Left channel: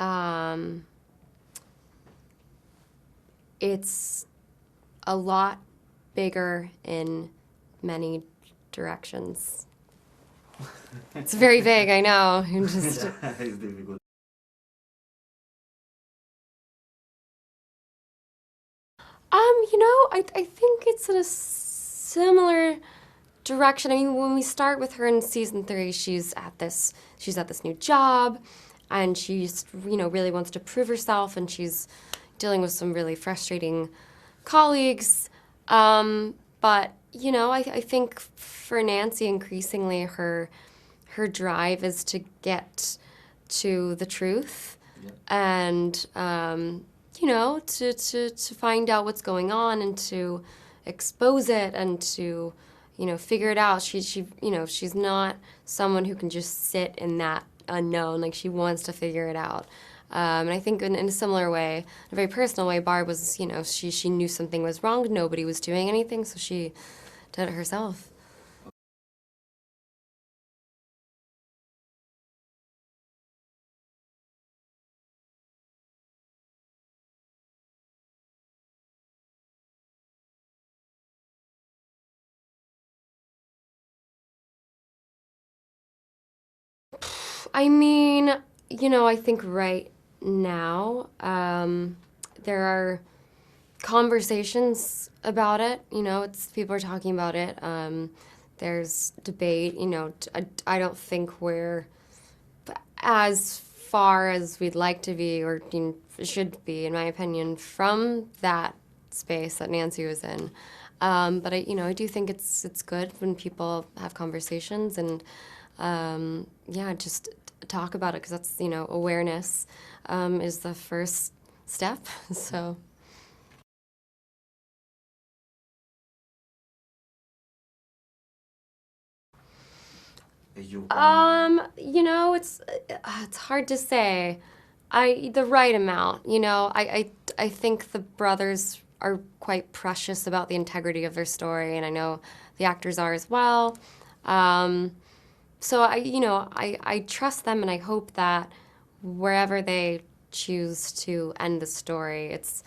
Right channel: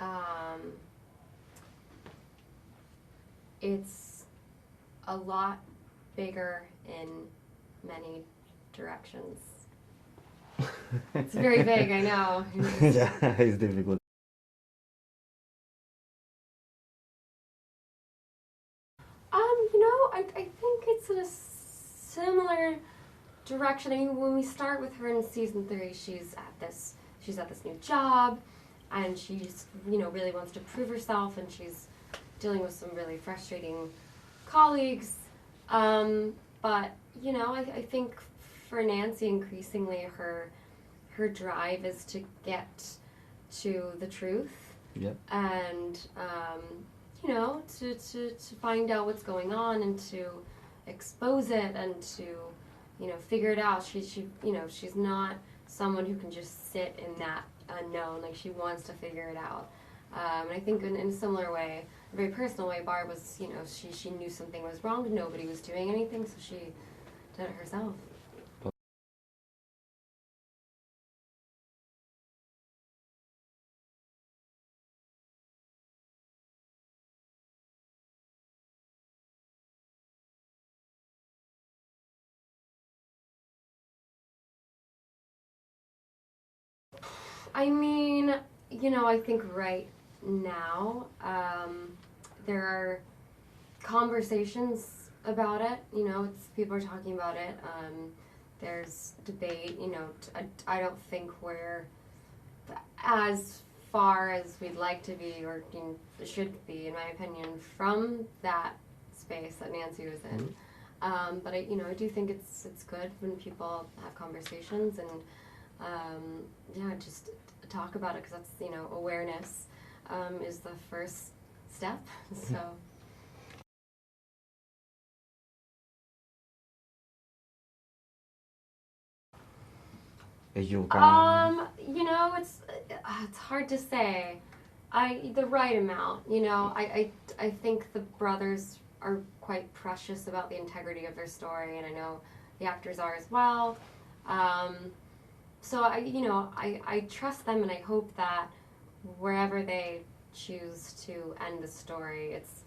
Um, it's a lot bigger in many directions. It's very vague, I know. Yeah, it's difficult. I think it's in a similar direction. I mean, when we start with her in season 3, she's at this new job, and she's really wants to prove herself, and she's dealing with some really frustrating colleagues. But I think for Nancy, increasingly her drive is to get to the truth. Yeah. And to find out what's going on and to expose it and to figure it out. She's not someone who can just sit in that unknown. Like, she wants to figure it out. And I think in a similar way, in a very personal way, Barb was, she knew something was wrong. Nobody was doing anything, so she did it herself. I mean, I think right now there are conversations about it. People are talking about it. There's debate. I don't think we're as far as we'd like to be, or should be, in my opinion, from that space that Nancy was in. But I do think it's good when people have conversations and just talk about it, because that's awareness is the first step. So. You can... It's hard to say. The right amount. I think the brothers are quite precious about the integrity of their story, and I know the actors are as well. So I trust them, and I hope that wherever they choose to end the story, it's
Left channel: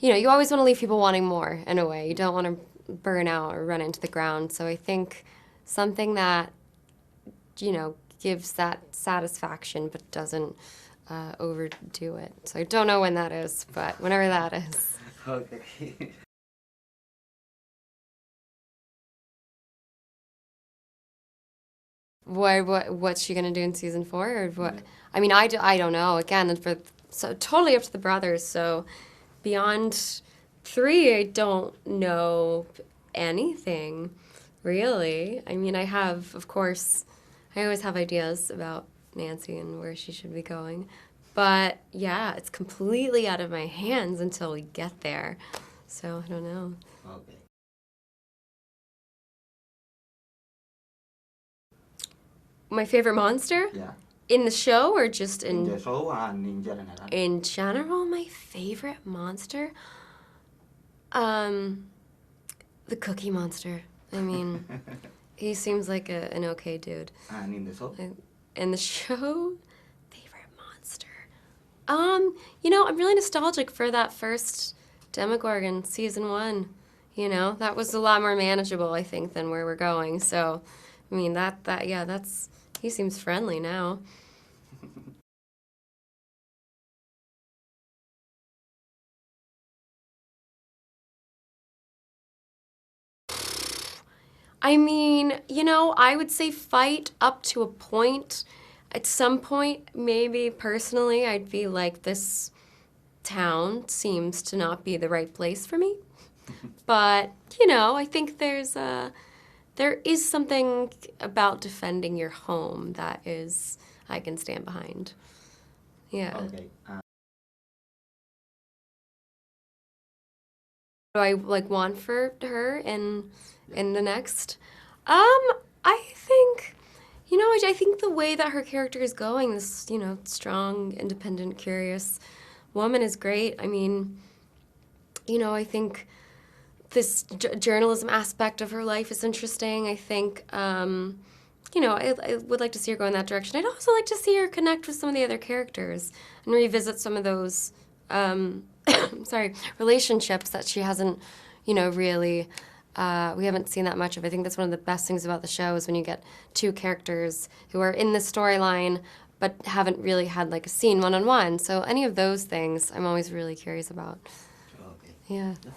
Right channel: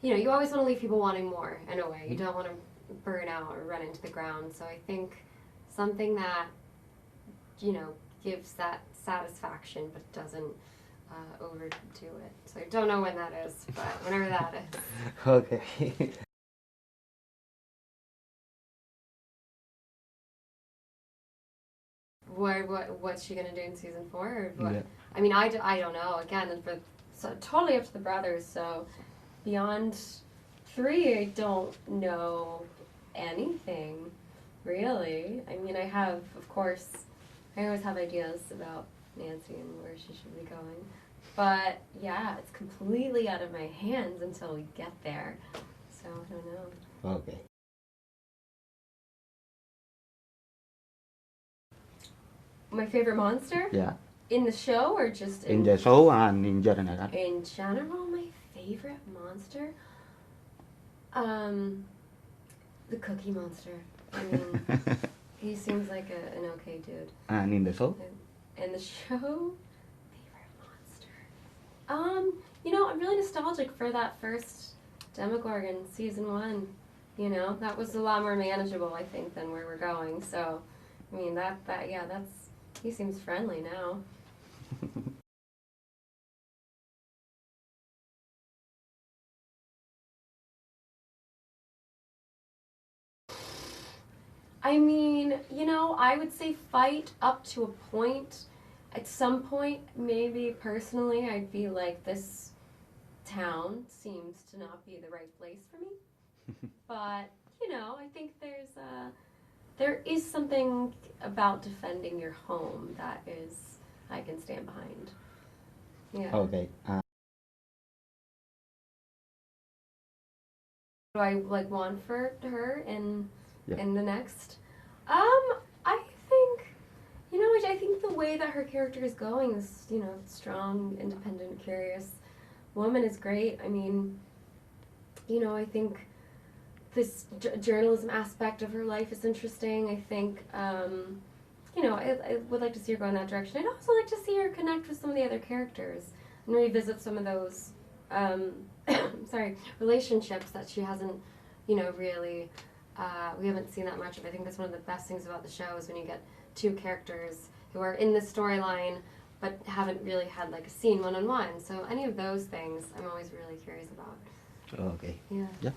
you always want to leave people wanting more, in a way. You don't want to burn out or run into the ground. So I think something that gives that satisfaction but doesn't overdo it. So I don't know when that is, but whenever that is. Okay. What's she gonna do in season 4, or what? Yeah. I mean, I don't know. Again, so totally up to the brothers. So beyond 3, I don't know anything really. I mean, of course, I always have ideas about Nancy and where she should be going, but yeah, it's completely out of my hands until we get there. So I don't know. Okay. My favorite monster? Yeah. In the show, or just In the show and in general. In general, my favorite monster? The Cookie Monster. I mean, he seems like an okay dude. And in the show? In the show, favorite monster. I'm really nostalgic for that first Demogorgon, season 1. That was a lot more manageable, I think, than where we're going. So, I mean, he seems friendly now. I mean, I would say fight up to a point. At some point, maybe personally, I'd be like, this town seems to not be the right place for me. But, I think there is something about defending your home that I can stand behind. Yeah. Okay. What do I want for her in Yeah. in the next? I think, I think the way that her character is going, this, strong, independent, curious woman is great. I mean, I think this journalism aspect of her life is interesting. I think, I would like to see her go in that direction. I'd also like to see her connect with some of the other characters and revisit some of those, relationships that she hasn't, really, we haven't seen that much of. I think that's one of the best things about the show is when you get two characters who are in the storyline but haven't really had like a scene one-on-one. So any of those things I'm always really curious about. Okay. Yeah. Yeah.